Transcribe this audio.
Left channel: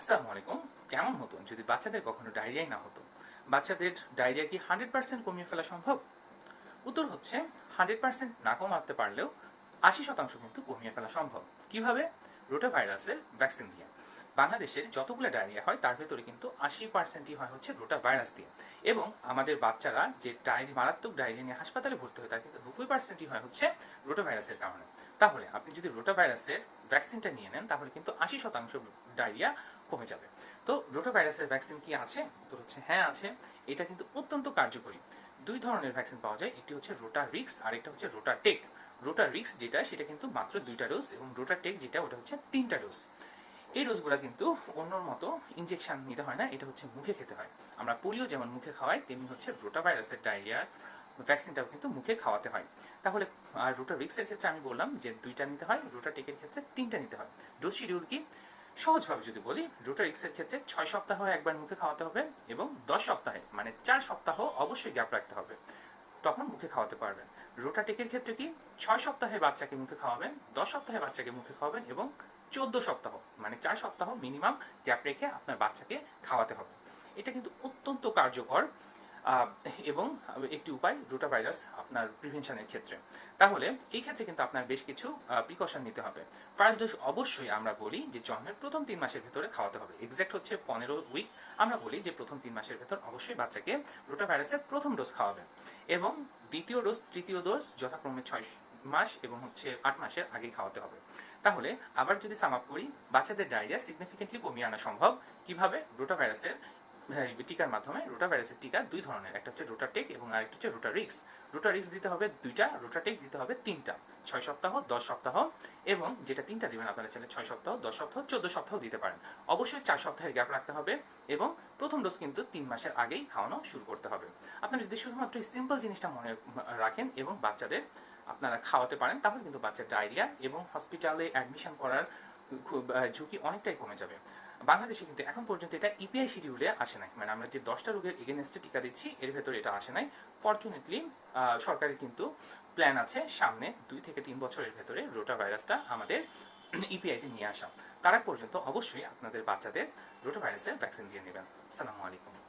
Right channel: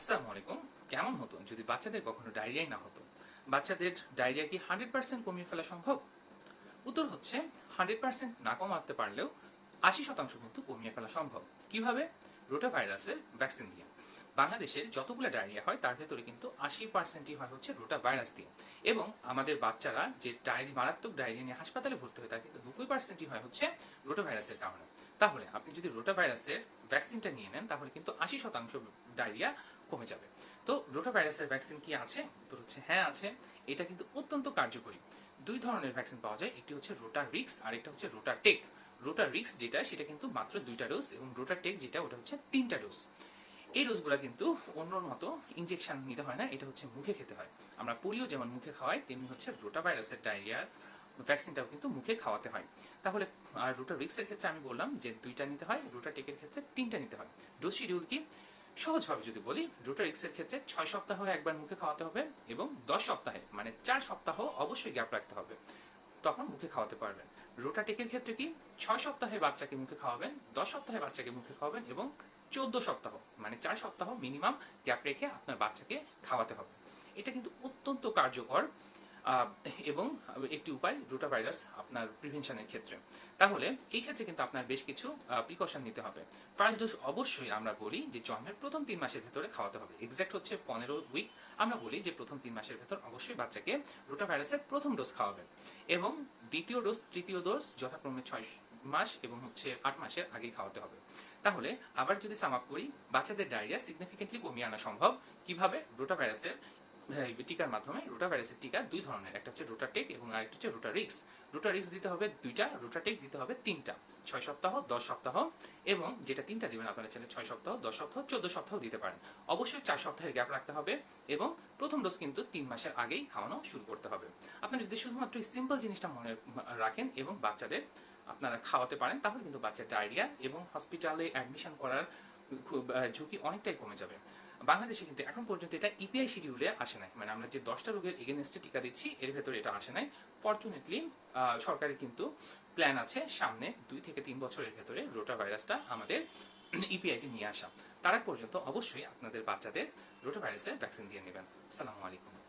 আসসালামু আলাইকুম। কেমন হতো যদি বাচ্চাদের কখনো ডায়রিয়াই না হতো? বাচ্চাদের ডায়রিয়া কি 100% কমিয়ে ফেলা সম্ভব? উত্তর হচ্ছে 100% না কমাতে পারলেও 80% কিন্তু কমিয়ে ফেলা সম্ভব। কিভাবে? রোটাভাইরাসের ভ্যাকসিন দিয়ে। বাংলাদেশের যতগুলো ডায়রিয়া হয় তার ভেতরে কিন্তু 80%ই হয় হচ্ছে রোটা ভাইরাস দিয়ে। এবং আমাদের বাচ্চারা যে মারাত্মক ডায়রিয়া নিয়ে হাসপাতালে ভর্তি হয়ে থাকে 90%ই হয় হচ্ছে রোটা ভাইরাসের কারণে। তাহলে আপনি যদি রোটা ভাইরাসের ভ্যাকসিনটা নিয়ে নেন তাহলে কিন্তু 80% ডায়রিয়া কমে যাবে। তো রোটা ভাইরাসের ভ্যাকসিন কি আছে? উত্তর হচ্ছে হ্যাঁ আছে। এটা কিন্তু অত্যন্ত কার্যকরী। দুই ধরনের ভ্যাকসিন পাওয়া যায়, একটি হচ্ছে রোটা রিক্স আর একটা হচ্ছে রোটা টেক। রোটা রিক্স যেটা সেটা কিন্তু মাত্র 2টা ডোজ এবং রোটা টেক যেটা ওটা হচ্ছে 3টা ডোজ। এই ডোজগুলো কিন্তু অন্যর মতো ইনজেকশন নিতে হয় না, এটা হচ্ছে মুখে খেতে হয়। আমরা পোলিও যেমন মুখে খাওয়াই তেমনি হচ্ছে রোটা ভাইরাসের ডায়রিয়ার ভ্যাকসিনটাও কিন্তু মুখে খাওয়াতে হয়। তাহলে আর রোটা রিক্সের ক্ষেত্রে আমি বললাম যে 2টা নিতে হয়, রোটা টেকের ক্ষেত্রে 3টা নিতে হয়। ডোজ শিডিউল কি? সহজভাবে যদি বলি, রোটা রিক্সের ক্ষেত্রে 6 সপ্তাহ একবার মুখে খাওয়াতে হবে এবং 10 সপ্তাহে মানে 4 সপ্তাহ অবশ্যই গ্যাপ রাখতে হবে, তখন মুখে খাওয়াতে পারবেন। রোটাটেকের ক্ষেত্রে কি? 6 সপ্তাহে বাচ্চাকে মুখে খাওয়াবেন, 10 সপ্তাহে বাচ্চাকে মুখে খাওয়াবেন এবং 14 সপ্তাহ মানে 4 সপ্তাহ মিনিমাম গ্যাপ রেখে আপনার বাচ্চাকে খাওয়াতে হবে। এটা কিন্তু অত্যন্ত কার্যকর আহ, এবং একটি উপায় রোটা ভাইরাস আপনার প্রিভেনশনের ক্ষেত্রে। তাহলে এই ক্ষেত্রে কিন্তু আপনার বেশ কিছু প্রিকশন নিতে হবে। ফার্স্ট ডোজ অবশ্যই আমরা বলি যে জন্মের প্রথম 3 মাসের ভেতরে খাওয়াতে হবে, এক্সাক্ট হচ্ছে 15 উইক। আমরা বলি যে প্রথম 3 মাসের ভেতর অবশ্যই বাচ্চাকে রোটা ভাইরাসের প্রথম ডোজ খাওয়াবেন এবং দ্বিতীয় ডোজ তৃতীয় ডোজ যথাক্রমে 6 মাস এবং হচ্ছে 8 মাসের আগেই খাওয়াতে হবে। তাহলে আবার যদি সাম আপ করি, বাচ্চাদের ডায়রিয়া সিগনিফিকেন্টলি কমিয়ে আনা সম্ভব। কিভাবে? রোটা ভাইরাসের টিকার মাধ্যমে। রোটা ভাইরাসের টিকা দুই ধরনের, একটা হচ্ছে রোটাটেক এবং আরেকটা হচ্ছে রোটা রিক্স। রোটা রিক্স দিতে হবে 2টা, রোটাটেক দিতে হবে 3টা। 6 সপ্তাহ, 10 সপ্তাহ এবং যেটা 3টা দিবেন আপনারা চাইলে 6 সপ্তাহ, 10 সপ্তাহ, 14 সপ্তাহ দিতে পারেন। অবশ্যই 4 সপ্তাহের গ্যাপ রাখতে হবে এবং প্রথম ডোজ কিন্তু 3 মাসের আগেই খাওয়ানো শুরু করতে হবে। আপনারা যদি শুধুমাত্র এই সিম্পল জিনিসটা মনে রাখেন এবং বাচ্চাদের আপনারা খাওয়াতে পারেন তাহলে কিন্তু বাচ্চার ডায়রিয়া এবং হসপিটালে অ্যাডমিশন করার খুব ঝুঁকি অনেকটাই কমে যাবে। বাংলাদেশে কিন্তু এখন পর্যন্ত এটা ইপিআই শিডিউলে আসে নাই, মানে আমরা যে 10টা রোগের এগেনস্টে টিকা দিচ্ছি এর ভেতরে এটা আসে নাই। ফরচুনেটলি সরকারের কিন্তু প্ল্যান আছে সামনে 2 থেকে 3 বছরের ভেতরে রোটা ভাইরাসটা আমাদের ইপিআইতে নিয়ে আসা। তার আগ পর্যন্ত অবশ্যই আপনাদের বাচ্চাদের রোটা ভাইরাসের ভ্যাকসিন দিয়ে নেবেন। আসসালামু আলাইকুম।